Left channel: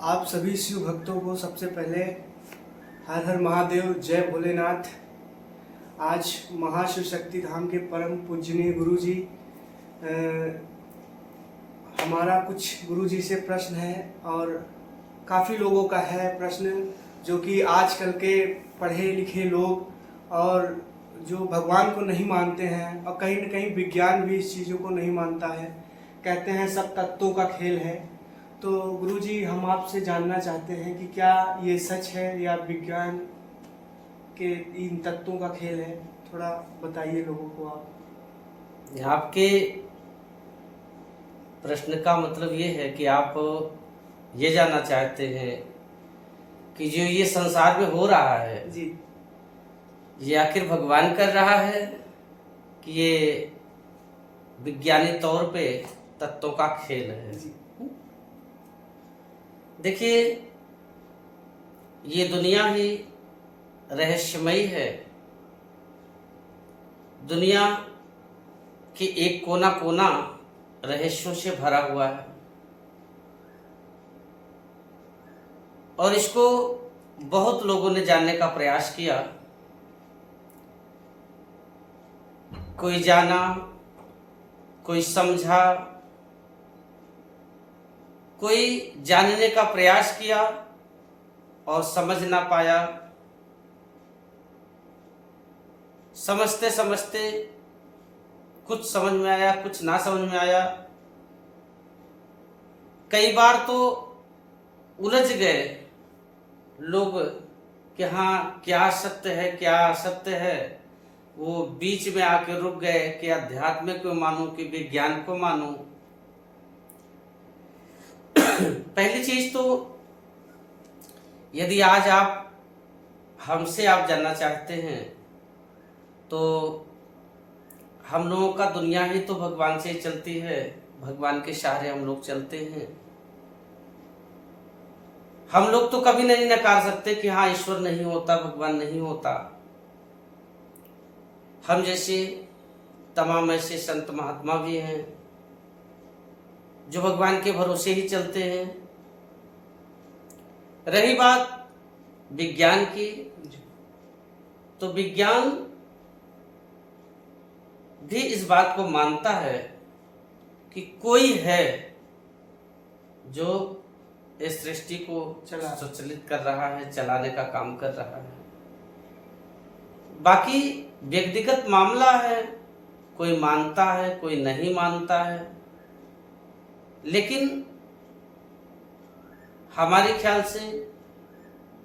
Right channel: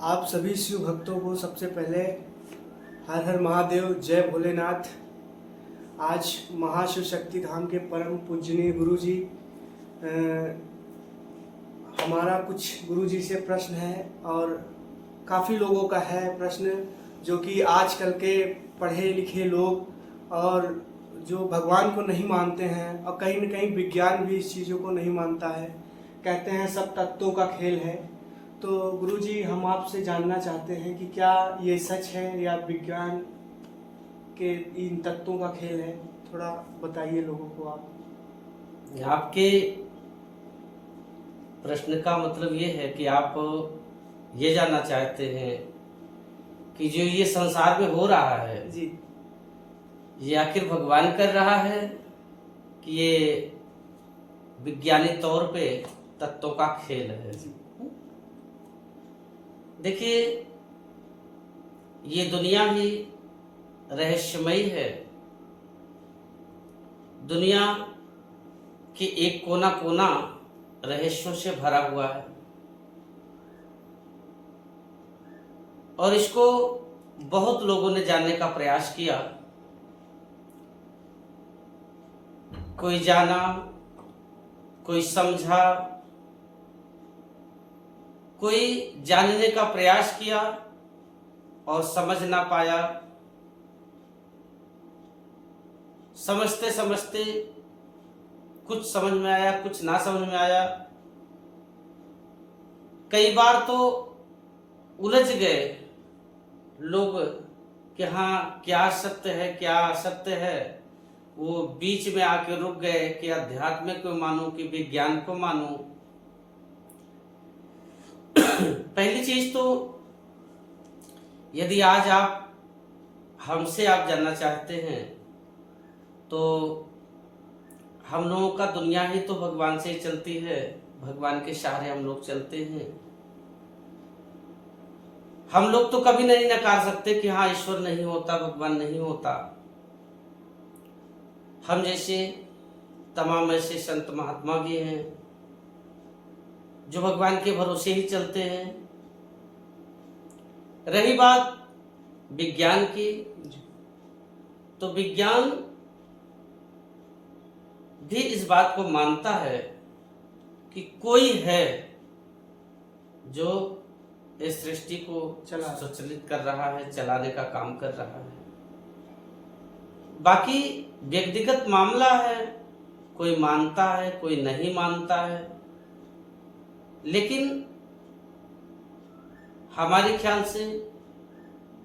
आप सभी शिव भक्तों को सबसे पहले हर हर महादेव, जय भोलेनाथ। आज महाशिव शक्ति धाम के परम पूजनीय गुरु जी, हमारा कुछ गुरु जी से प्रश्न है और काफ़ी लोगों का है प्रश्न, जो कि आजकल के पढ़े लिखे लोग और जो भगवान को नहीं मानते हैं और कहीं न कहीं विज्ञान भी इस चीज़ों को नहीं मानता है, कहते हैं सब तत्वों का खेल है। तो गुरुजी, हम आपसे जानना चाहते हैं कि क्या ये सच है या विज्ञान के इन तत्वों का खेल है? थोड़ा बताइए लोगों को आप। आपके प्रश्न का मतलब ये है कि आप ये जानना चाहते हैं कि जो ये संसार में हो रहा है जी, ये आखिर भगवान कर रहा है कि ये विज्ञानिक तौर पे तत्वों का खेल है। जी, देखिए, ये दुनिया ही रहस्यमयी है। दुनिया के एक कोना कोना रहस्यों से भरा हुआ है और इसको बहुत लोगों ने जानने का प्रयास किया। कोई जाना, कोई समझा, कोई जानने का प्रयास किया और समझ ना पाया। समझते समझते कुछ समझ में आया, कुछ ना समझ में आया। कई बार तो उलझ गए लोग कि हाँ, क्या सत्य है क्या असत्य है। वो बीच में आके रुक गए कि अध्यात्म को मानूं कि विज्ञान को मानूं। पहली चीज तो, यदि आज आप हमसे जानना चाहते हैं तो हम लोगों का दुनिया ही तो भगवान से ही चलती है। भगवान के सहारे हम लोग चलते हैं। हम लोग तो कभी नहीं नकार सकते कि हाँ, ईश्वर नहीं होता, भगवान नहीं होता। हम जैसे तमाम ऐसे संत महात्मा भी हैं जो भगवान के भरोसे ही चलते हैं। रही बात विज्ञान की, तो विज्ञान भी इस बात को मानता है कि कोई है जो इस सृष्टि को संचालित कर रहा है, चलाने का काम कर रहा है। बाकी व्यक्तिगत मामला है, कोई मानता है, कोई नहीं मानता है। लेकिन हमारे ख्याल से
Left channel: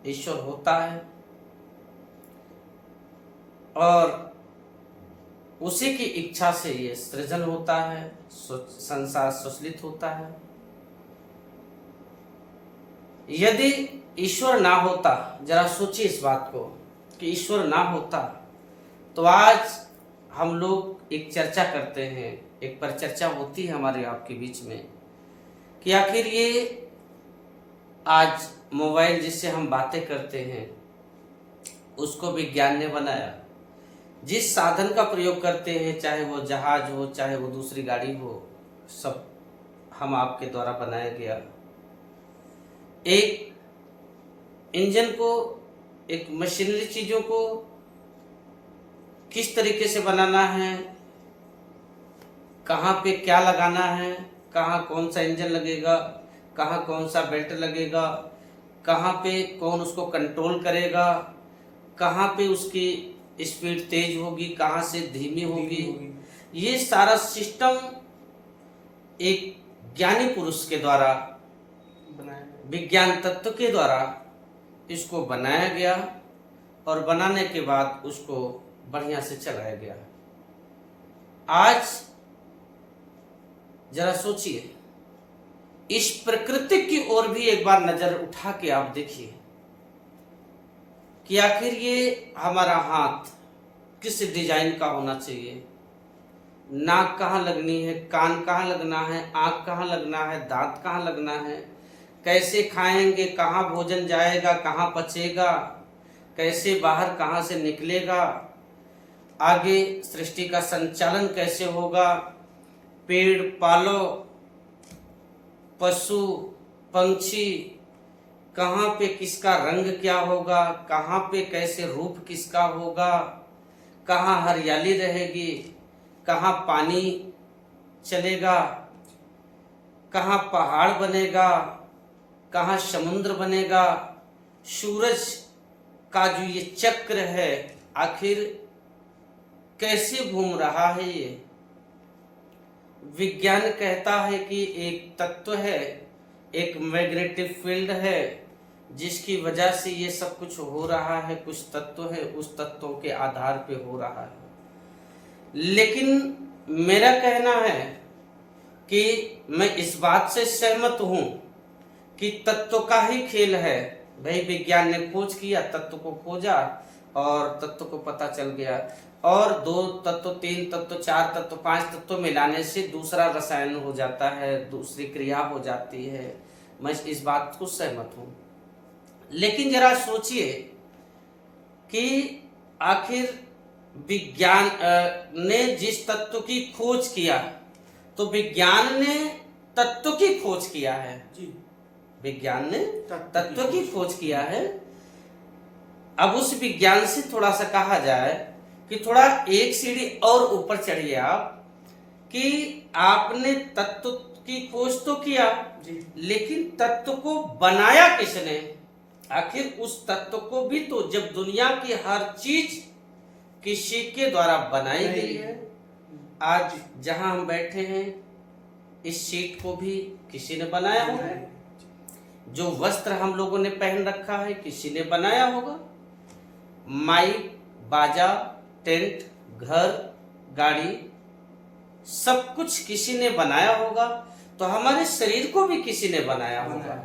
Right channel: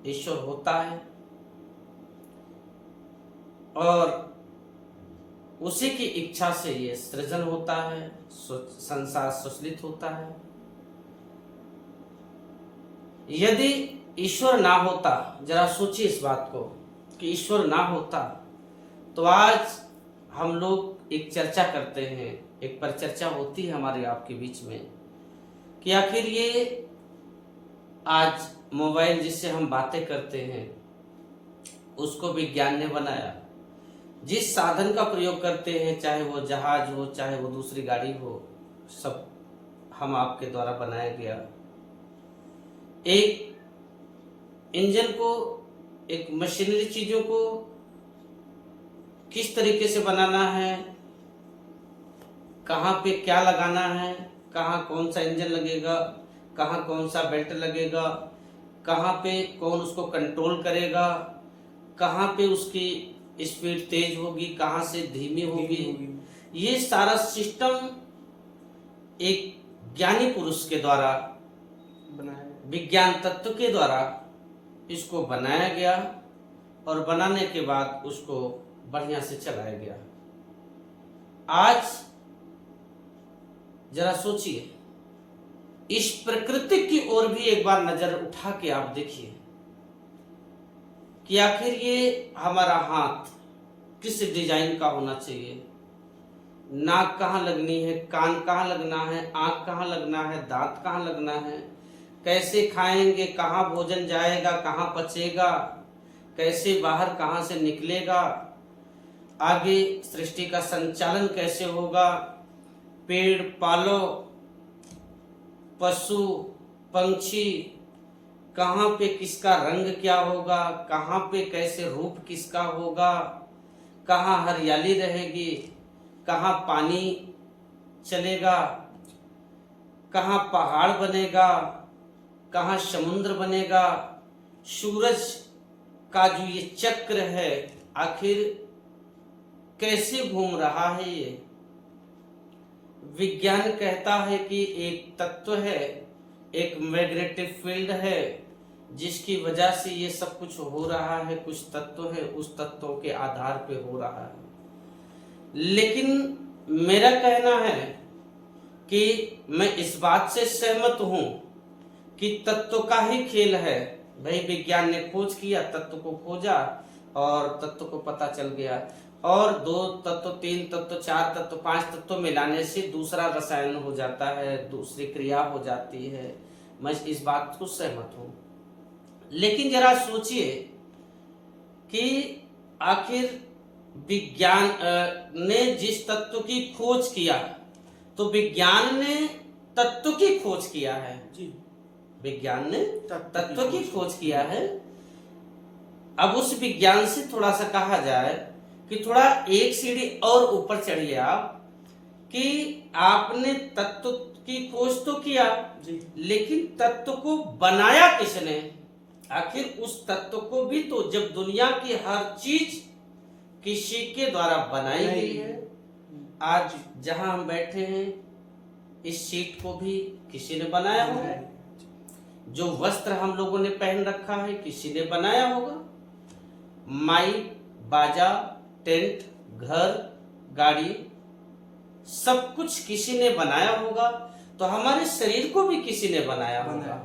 ईश्वर होता है और उसी की इच्छा से ये सृजन होता है, संसार सुसलित होता है। यदि ईश्वर ना होता, जरा सोचिए इस बात को कि ईश्वर ना होता तो आज हम लोग एक चर्चा करते हैं, एक परिचर्चा होती है हमारे आपके बीच में कि आखिर ये आज मोबाइल जिससे हम बातें करते हैं उसको विज्ञान ने बनाया। जिस साधन का प्रयोग करते हैं, चाहे वो जहाज हो, चाहे वो दूसरी गाड़ी हो, सब हम आपके द्वारा बनाया गया। एक इंजन को, एक मशीनरी चीजों को किस तरीके से बनाना है, कहाँ पे क्या लगाना है, कहाँ कौन सा इंजन लगेगा, कहाँ कौन सा बेल्ट लगेगा, कहाँ पे कौन उसको कंट्रोल करेगा, कहाँ पे उसकी स्पीड तेज होगी, कहाँ से धीमी होगी। ये सारा सिस्टम एक ज्ञानी पुरुष के द्वारा, विज्ञान तत्व के द्वारा इसको बनाया गया और बनाने के बाद उसको बढ़िया से चलाया गया। आज जरा सोचिए, इस प्रकृति की ओर भी एक बार नजर उठा के आप देखिए कि आखिर ये हमारा हाथ किस डिजाइन का होना चाहिए। नाक कहाँ लगनी है, कान कहाँ लगना है, आंख कहाँ लगना है, दांत कहाँ लगना है, कैसे खाएंगे, कहाँ भोजन जाएगा, कहाँ पचेगा, कैसे बाहर कहाँ से निकलेगा, आगे सृष्टि का संचालन कैसे होगा, पेड़ पालो, पशु पंछी कहाँ पे किसका रंग क्या होगा, कहाँ पे कैसे रूप किसका होगा, कहाँ हरियाली रहेगी, कहाँ पानी चलेगा, कहाँ पहाड़ बनेगा, कहाँ समुद्र बनेगा, सूरज का जो ये चक्र है आखिर कैसे घूम रहा है। ये विज्ञान कहता है कि एक तत्व है, एक मैग्नेटिक फील्ड है जिसकी वजह से ये सब कुछ हो रहा है। कुछ तत्व है, उस तत्वों के आधार पे हो रहा है। लेकिन मेरा कहना है कि मैं इस बात से सहमत हूं कि तत्व का ही खेल है। भाई विज्ञान ने खोज किया, तत्व को खोजा और तत्व को पता चल गया, और 2 तत्व, 3 तत्व, 4 तत्व, 5 तत्व मिलाने से दूसरा रसायन हो जाता है, दूसरी क्रिया हो जाती है। मैं इस बात को सहमत हूं। लेकिन जरा सोचिए कि आखिर विज्ञान ने जिस तत्व की खोज किया, तो विज्ञान ने तत्व की खोज किया है जी, विज्ञान ने तत्व की खोज किया है। अब उस विज्ञान से थोड़ा सा कहा जाए कि थोड़ा एक सीढ़ी और ऊपर चढ़िए आप, कि आपने तत्व की खोज तो किया जी, लेकिन तत्व को बनाया किसने? आखिर उस तत्व को भी तो, जब दुनिया की हर चीज किसी के द्वारा बनाई गई है। आज जहां हम बैठे हैं, इस सीट को भी किसी ने बनाया होगा। जो वस्त्र हम लोगों ने पहन रखा है किसी ने बनाया होगा। माइक, बाजा, टेंट, घर, गाड़ी, सब कुछ किसी ने बनाया होगा। तो हमारे शरीर को भी किसी ने बनाया होगा,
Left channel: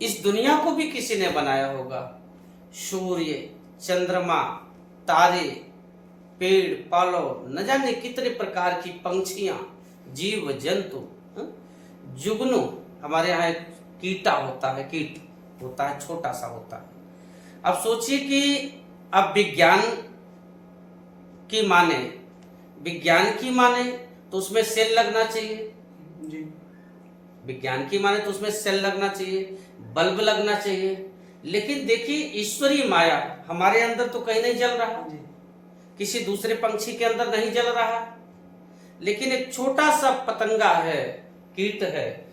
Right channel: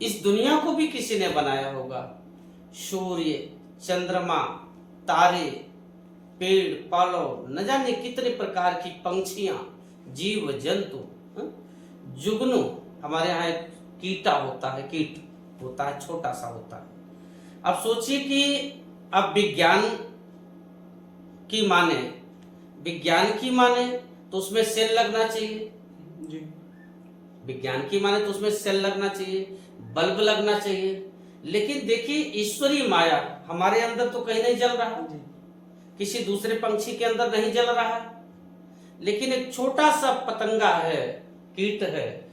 इस दुनिया को भी किसी ने बनाया होगा। सूर्य, चंद्रमा, तारे, पेड़, पौधे, न जाने कितने प्रकार की पंछियां, जीव जंतु, जुगनू, हमारे यहाँ एक कीटा होता है, कीट होता है, छोटा सा होता है। अब सोचिए कि अब विज्ञान की माने तो उसमें सेल लगना चाहिए जी, विज्ञान की माने तो उसमें सेल लगना चाहिए, बल्ब लगना चाहिए। लेकिन देखिए ईश्वरीय माया हमारे अंदर तो कहीं नहीं जल रहा, किसी दूसरे पंछी के अंदर नहीं जल रहा, लेकिन एक छोटा सा पतंगा है, कीट है।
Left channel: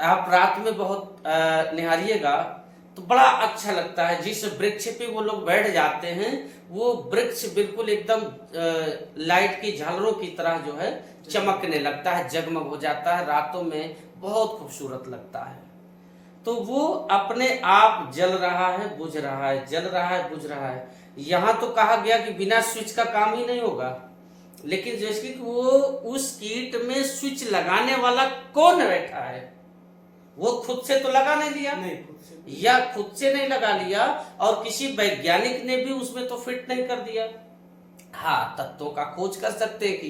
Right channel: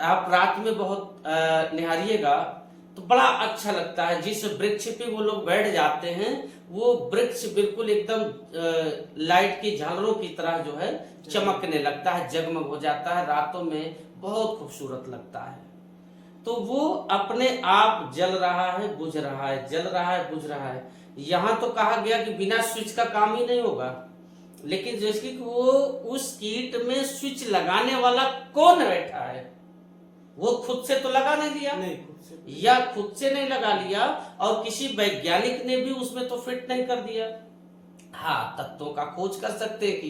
आप रात में बहुत निहारिएगा तो बड़ा अच्छा लगता है। जिस वृक्ष पे वो लोग बैठ जाते हैं, वो वृक्ष बिल्कुल एकदम लाइट की झालरों की तरह जो है चमकने लगता है, जगमग हो जाता है, रातों में बहुत खूबसूरत लगता है। तो वो अपने आप जल रहा है, बुझ रहा है, जल रहा है, बुझ रहा है। यहाँ तो कहा गया कि बिना स्विच का काम ही नहीं होगा, लेकिन जैसे कि वो उस कीट में स्विच लगाने वाला कौन बैठा है? वो खुद से तो लगा नहीं लिया, या खुद से नहीं लगा लिया, और किसी वैज्ञानिक ने भी उसमें तो फिट नहीं कर दिया। हाँ, तत्वों का खोज कर सकते हैं कि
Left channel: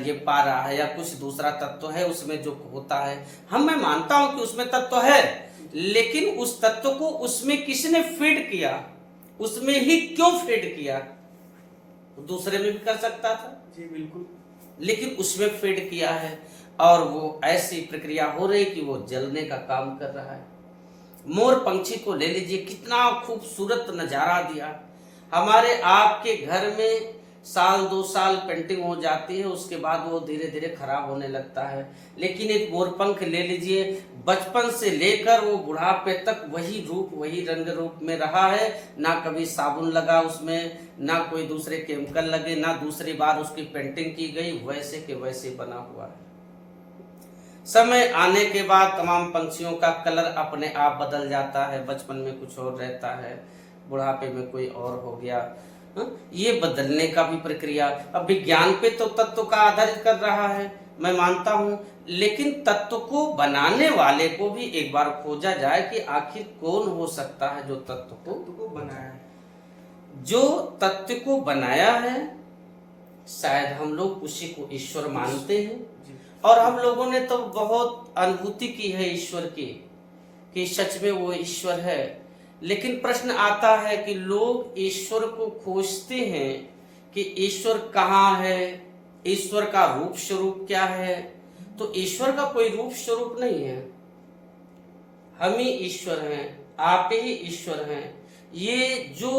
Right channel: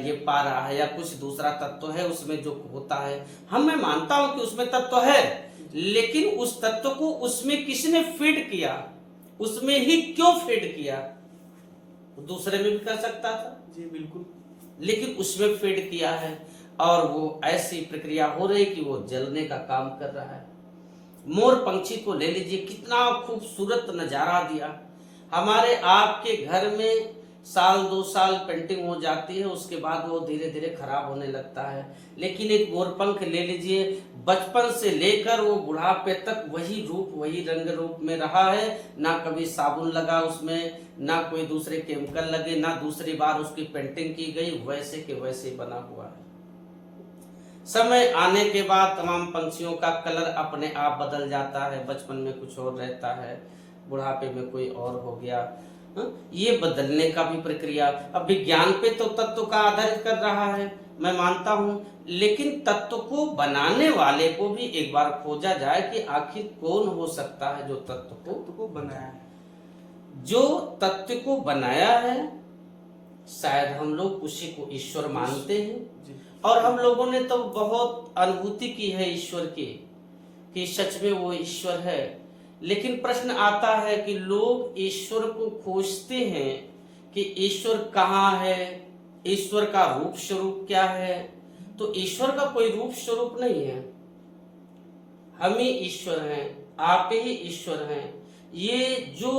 ये पारा है या कुछ दूसरा तत्व है उसमें जो होता है। मैं मानता हूं कि उसमें तत्व है, लेकिन उस तत्व को उसमें किसने फीड किया, उसमें ही क्यों फीड किया? दूसरे में भी कर सकता था जी, बिल्कुल, लेकिन उसमें फीड किया है, और वो ऐसी प्रक्रिया हो रही कि वो जलने का काम कर रहा है। मोर पंछी को ले लीजिए, कितना खूबसूरत नजारा दिया। हमारे आपके घर में साल 2 साल पेंटिंग हो जाती है, उसके बाद वो धीरे धीरे खराब होने लगता है। लेकिन एक मोरपंख ले लीजिए, बचपन से लेकर वो बुढ़ापे तक वही रूप, वही रंग रूप में रहा है। ना कभी साबुन लगा उसमें, ना कोई दूसरे केमिकल लगे, ना दूसरी बार उसकी पेंटिंग की गई, वैसे के वैसे बना हुआ है। समय आने के बाद तमाम पंछियों का कलर अपने आप बदल जाता है। बचपन में कुछ और रहता है, बुढ़ापे में कोई और हो गया। ये बदलने का भी प्रक्रिया अब विज्ञान पे तो तत्व का आधारित कर रहा है, मैं मानता हूं। लेकिन तत्व को बनाने वाले को भी एक बार खोजा जाए कि आखिर कौन हो सकता है जो तत्व को बनाया है। जो तत्व को बनाया है शायद हम लोग उसी को ईश्वर मानते हैं, और हम लोगों ने तो बहुत अनुभूति की है ईश्वर की, कि सच में वो ईश्वर है। लेकिन प्रश्न आता है कि लोग ईश्वर को खोजते हैं कि ईश्वर कहाँ है, ईश्वर का रूप स्वरूप क्या है। तो ईश्वर का कोई रूप स्वरूप नहीं है। हम ही ईश्वर हैं, आप ही ईश्वर हैं। ये जो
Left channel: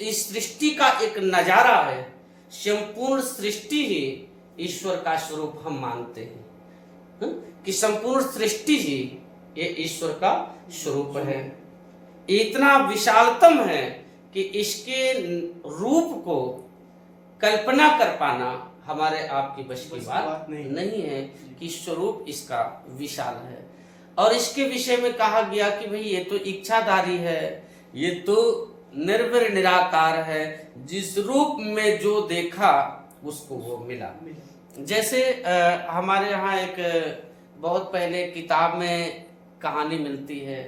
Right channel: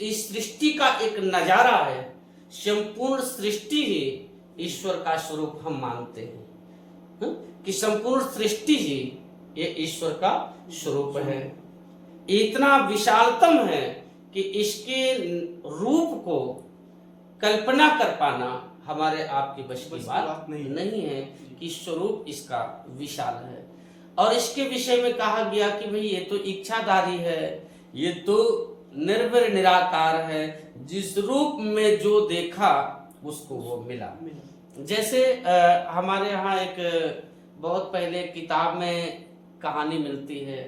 इस सृष्टि का एक नजारा है, संपूर्ण सृष्टि ही ईश्वर का स्वरूप हम मानते हैं, कि संपूर्ण सृष्टि ही ये ईश्वर का स्वरूप है। इतना विशालतम है कि इसके रूप को कल्पना कर पाना हमारे आपकी बस की बात नहीं है कि स्वरूप इसका विशाल है। और इसके विषय में कहा गया कि भाई ये तो इच्छाधारी है, ये तो निर्विर निराकार है, जिस रूप में जो देखा उसको वो मिला। जैसे हमारे यहाँ एक बहुत पहले किताब में कहानी मिलती है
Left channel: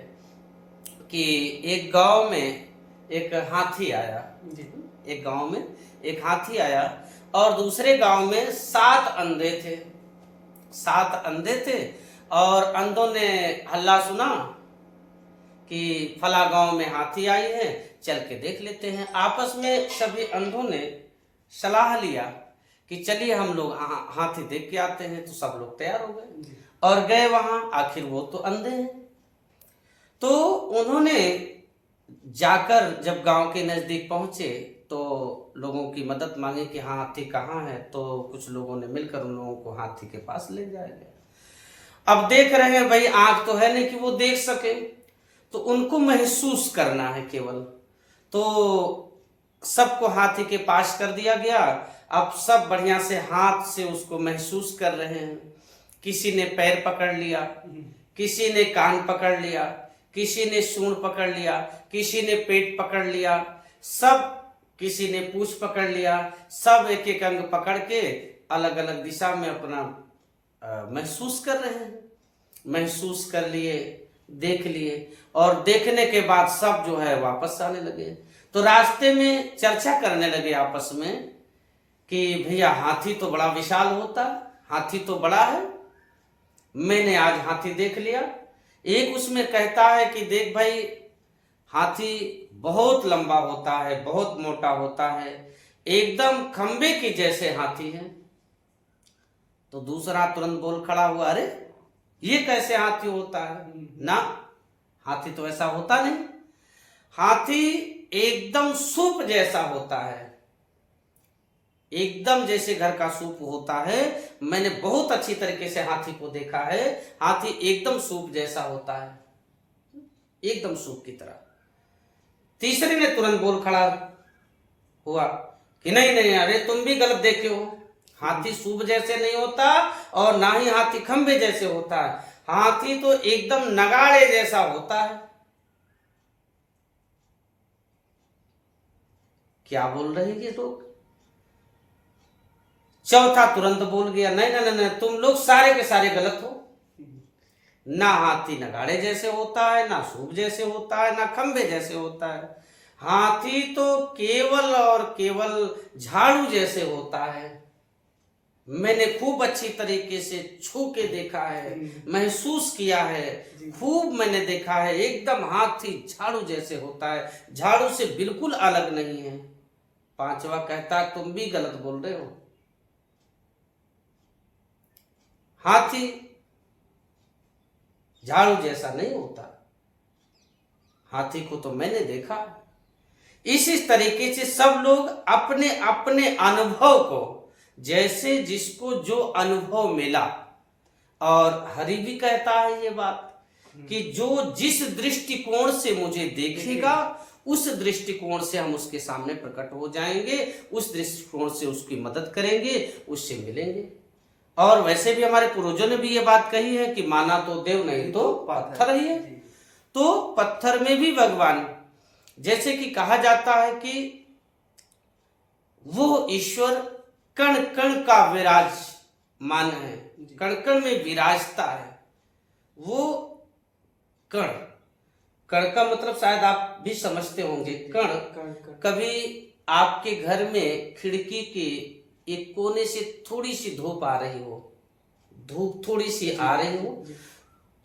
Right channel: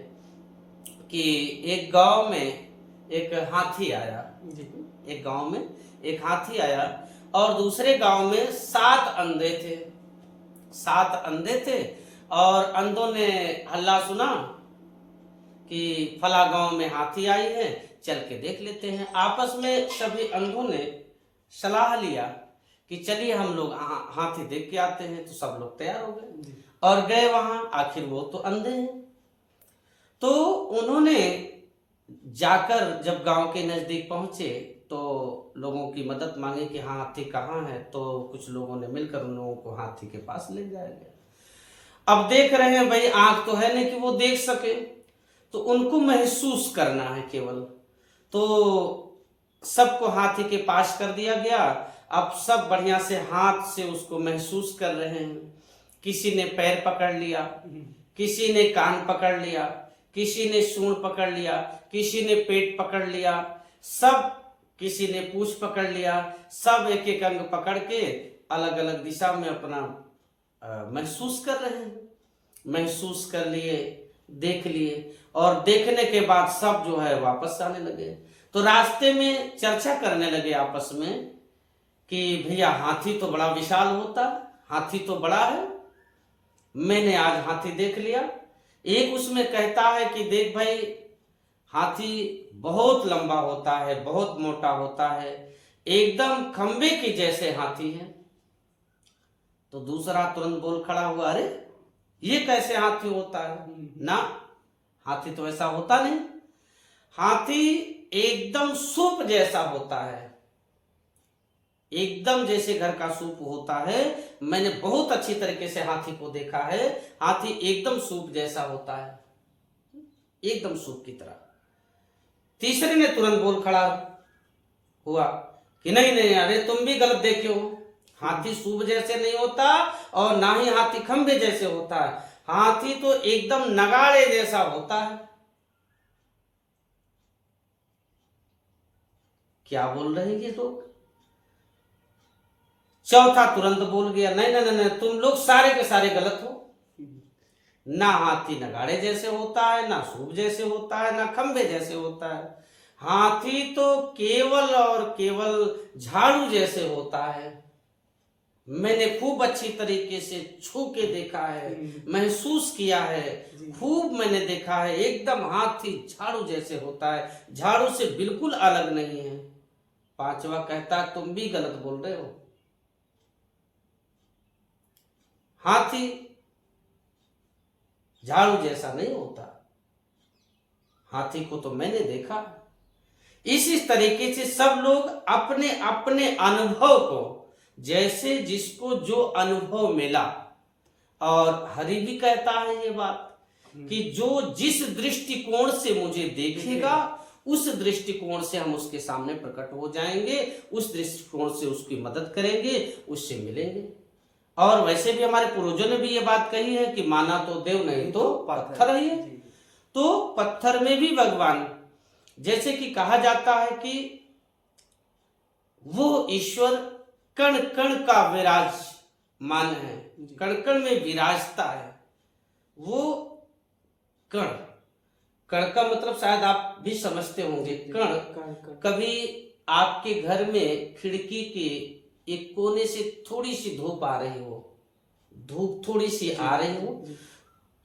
कि एक गांव में एक हाथी आया। एक गांव में एक हाथी आया और दूसरे गांव में 7 अंधे थे। 7 अंधे थे और अंधों ने हल्ला सुना कि फला गांव में हाथी आई है, चल के देख लेते हैं। आपस में सभी अंधों ने सलाह लिया कि चलिए हम लोग हाथी देख के आते हैं। तो सब लोग तैयार हो गए और गए वहां। आखिर वो तो अंधे हैं, तो उन्होंने जाकर जब गांव के नजदीक पहुंचे तो लोगों की मदद मांगी कि हाँ हाथी कहाँ है। तो कुछ लोगों ने मिलकर उन लोगों को हाथी के पास ले जाया गया। अब देख रहे हैं भाई, आंख तो है नहीं कि वो देख सके, तो उनको महसूस करना है केवल। तो सबको हाथी के पास कर दिया गया। अब सब बढ़िया से हाथ से उसको महसूस कर रहे हैं। किसी ने पैर पकड़ लिया, किसी ने कान पकड़ लिया, किसी ने सूंड पकड़ लिया, किसी ने पेट पकड़ लिया, सब किसी ने पूंछ पकड़ लिया। सब एक एक अंग पकड़ के अलग अलग दिशा में अपना महसूस कर रहे हैं। महसूस कर लिए, देख लिए और देखने के बाद सब जो है वापस आने लगे। तो रास्ते में चर्चा करने लगे आपस में कि भैया हाथी तो बड़ा विशाल होता, हाथी तो बड़ा है, मैंने आज हाथी देख लिया। एक उसमें कहता है कि देख भाई, हाथी बहुत लंबा होता है, बहुत मोटा होता है, एकदम खंबे की जैसे हाथी है। तो दूसरा तुरंत बोल खड़ा हुआ, अरे ये कैसे हाथी होता है? ना, हाथी तो ऐसा होता नहीं। हाथी एकदम सूप जैसा होता है, एकदम जैसे घर का सूप होता है। मैंने बहुत अच्छी तरीके से हाथी को देखा है। हाथी एकदम सूप जैसा होता है, एकदम सूप की तरह। तीसरे ने तुरंत बोल खड़ा हुआ कि नहीं नहीं, अरे तुम भी गलत देखे हो, हाथी सूप जैसे नहीं होता और ना ही हाथी खंबे जैसे होता है। हाथी तो एकदम नगाड़े जैसा होता है। क्या बोल रहे हैं ये लोग? चौथा तुरंत बोल गया, नहीं नहीं नहीं, तुम लोग सारे के सारे गलत हो। ना हाथी नगाड़े जैसे होता है, ना सूप जैसे होता है, ना खंबे जैसे होता है। हाथी तो केवल और केवल झाड़ू जैसे होता है। मैंने खूब अच्छी तरीके से छू के देखा है, महसूस किया है, खूब मैंने देखा है। एकदम हाथी झाड़ू जैसे होता है, झाड़ू से बिल्कुल अलग नहीं है। पांचवा कहता है तुम भी गलत बोल रहे हो, हाथी झाड़ू जैसा नहीं होता। हाथी को तो मैंने देखा। इसी तरीके से सब लोग अपने अपने अनुभव को, जैसे जिसको जो अनुभव मिला, और हरि भी कहता है ये बात कि जो जिस दृष्टिकोण से मुझे देखेगा उस दृष्टिकोण से हम उसके सामने प्रकट हो जाएंगे, उस दृष्टिकोण से उसकी मदद करेंगे, उससे मिलेंगे। और वैसे भी हमारे पूर्वजों ने भी ये बात कही है कि माना तो देव नहीं तो पत्थर ही है। तो पत्थर में भी भगवान, जैसे कि कहा जाता है कि वो ईश्वर कण कण का विराजमान है, कण कण में विराजता है। वो कण, कण का मतलब शायद आप भी समझते होंगे। कण, कभी आपके घर में खिड़की के एक कोने से थोड़ी सी धूप आ रही हो, धूप थोड़ी सी आ रही हो,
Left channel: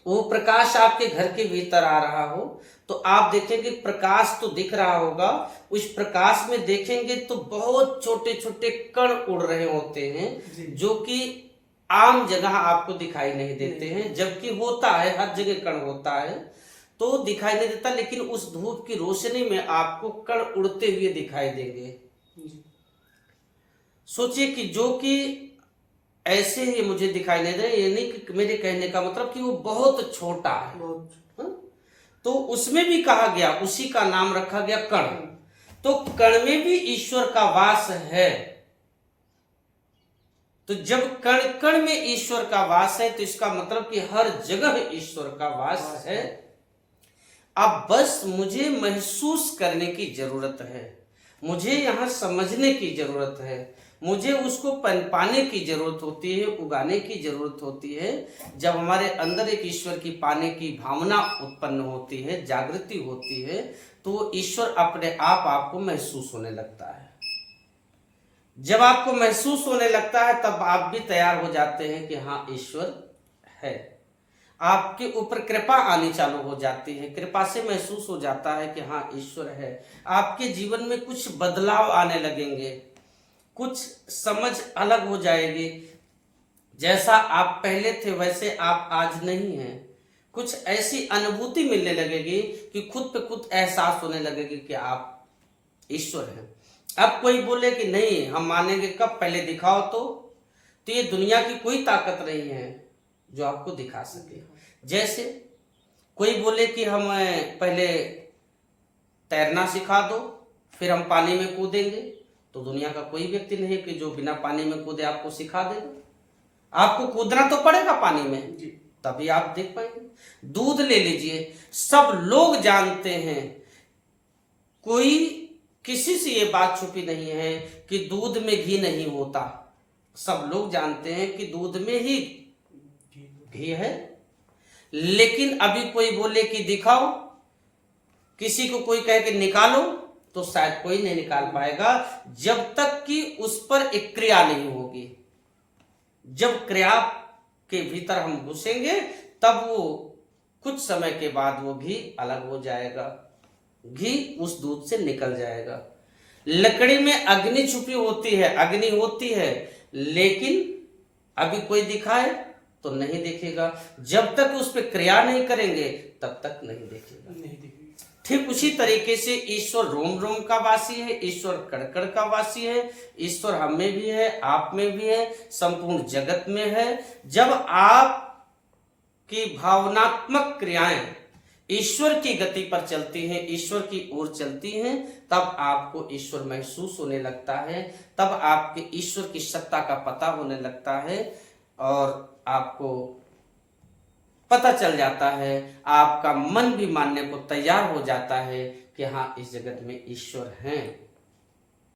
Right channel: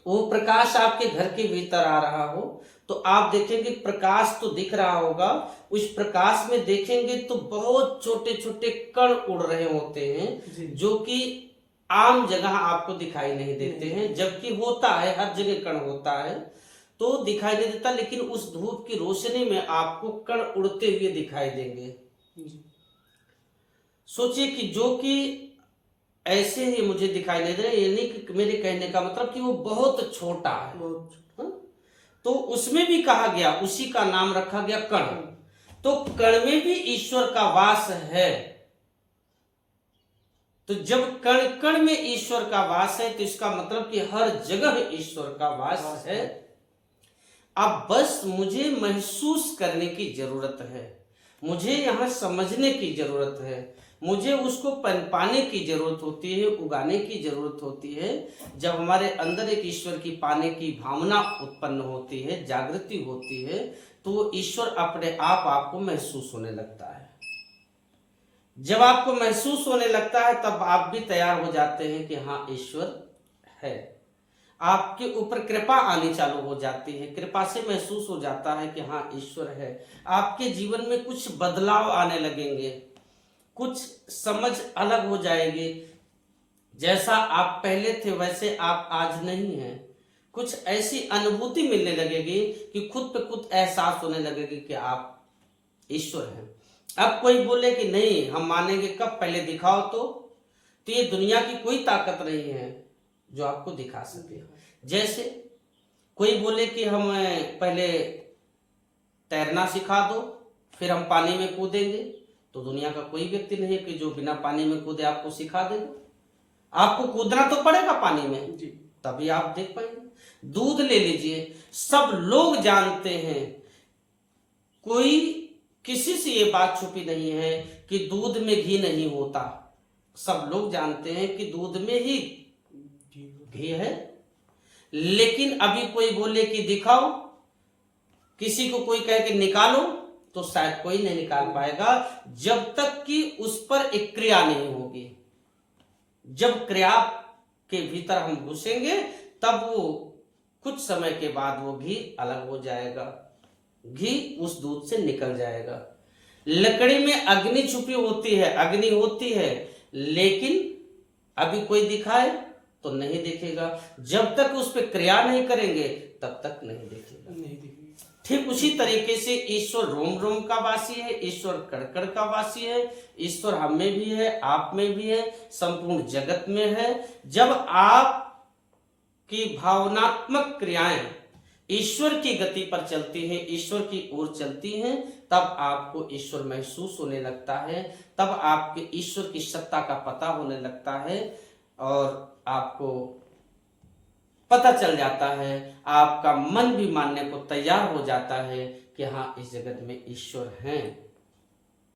वो प्रकाश आपके घर के भीतर आ रहा हो, तो आप देखेंगे प्रकाश तो दिख रहा होगा। उस प्रकाश में देखेंगे तो बहुत छोटे छोटे कण उड़ रहे होते हैं, जो कि आम जगह आपको दिखाई नहीं देते हैं, जबकि होता है, हर जगह कण होता है तो दिखाई नहीं देता, लेकिन उस धूप की रोशनी में आपको कण उड़ते हुए दिखाई देंगे। सोचिए कि जो कि ऐसे ही मुझे दिखाई नहीं दे रहे, ये नहीं कि मेरे कहने का मतलब कि वो बहुत छोटा है, तो उसमें भी कहा गया, उसी का नाम रखा गया कण। तो कण में भी ईश्वर का वास है। तो जब कण कण में ईश्वर का वास है तो इसका मतलब कि हर जगह ईश्वर का वास है। अब बस मुझे महसूस करने की जरूरत है, मुझे यहां समझने की जरूरत है, मुझे उसको पाने की जरूरत होती है, उगाने की जरूरत होती है। जब हमारे अंदर एक ईश्वर की पाने की भावना उत्पन्न होती है, जागृति होती है, तो ईश्वर अपने आप आपको महसूस होने लगता है। जब आपको महसूस होने लगता है तब आप भी तैयार हो जाते हैं कि हाँ ईश्वर है। आपके ऊपर कृपा आनी चालू हो जाती है, कृपा से महसूस हो जाता है कि हाँ ईश्वर है। आपके जीवन में कुछ बदलाव आने लगेंगे, कुछ समझ अलग हो जाएगी। जैसा आप पहले थे वैसे आप आज नहीं हैं। कुछ ऐसी अनुभूति मिलने लगेगी कि खुद पे खुद एहसास होने लगेगी कि आप ईश्वर हैं। अब कोई बोले कि नहीं हम मानेंगे कब, पहले दिखाओ तो ये दुनिया की कोई ताकत नहीं है जो आपको दिखा सके। जैसे कोई बोले कि हम पहले तैरना सिखा दो फिर हम पानी में कूदेंगे, तो दुनिया का कोई व्यक्ति नहीं कि जो बिना पानी में कूदे आपको सिखा देगा। आपको कूदना तो पड़ेगा पानी में जी, तभी आप देख पाएंगे। दूध ले लीजिए, सब लोग जानते हैं, कोई किसी से ये बात छुपी नहीं है कि दूध में घी नहीं होता। सब लोग जानते हैं कि दूध में ही घी है। लेकिन अभी कोई बोले कि दिखाओ, किसी को कोई कहे कि निकालो, तो शायद कोई नहीं निकाल पाएगा जब तक कि उस पर एक क्रिया नहीं होगी। जब क्रिया के भीतर हम घुसेंगे तब वो कुछ समय के बाद वो घी अलग हो जाएगा, घी उस दूध से निकल जाएगा। लकड़ी में अग्नि छुपी होती है, अग्नि होती है, लेकिन अभी कोई दिखाए तो नहीं दिखेगा। जब तक उस पर क्रिया नहीं करेंगे तब तक नहीं दिखेगा। ठीक उसी तरीके से ईश्वर रोम रोम का वासी है, ईश्वर कण कण का वासी है, ईश्वर हम में भी है, आप में भी है, संपूर्ण जगत में है। जब आप की भावनात्मक क्रियाएं ईश्वर की गति पर चलती हैं, ईश्वर की ओर चलती हैं, तब आपको ईश्वर महसूस होने लगता है, तब आपके ईश्वर की सत्ता का पता होने लगता है और आपको पता चल जाता है, आपका मन भी मानने को तैयार हो जाता है कि हाँ इस जगत में ईश्वर हैं।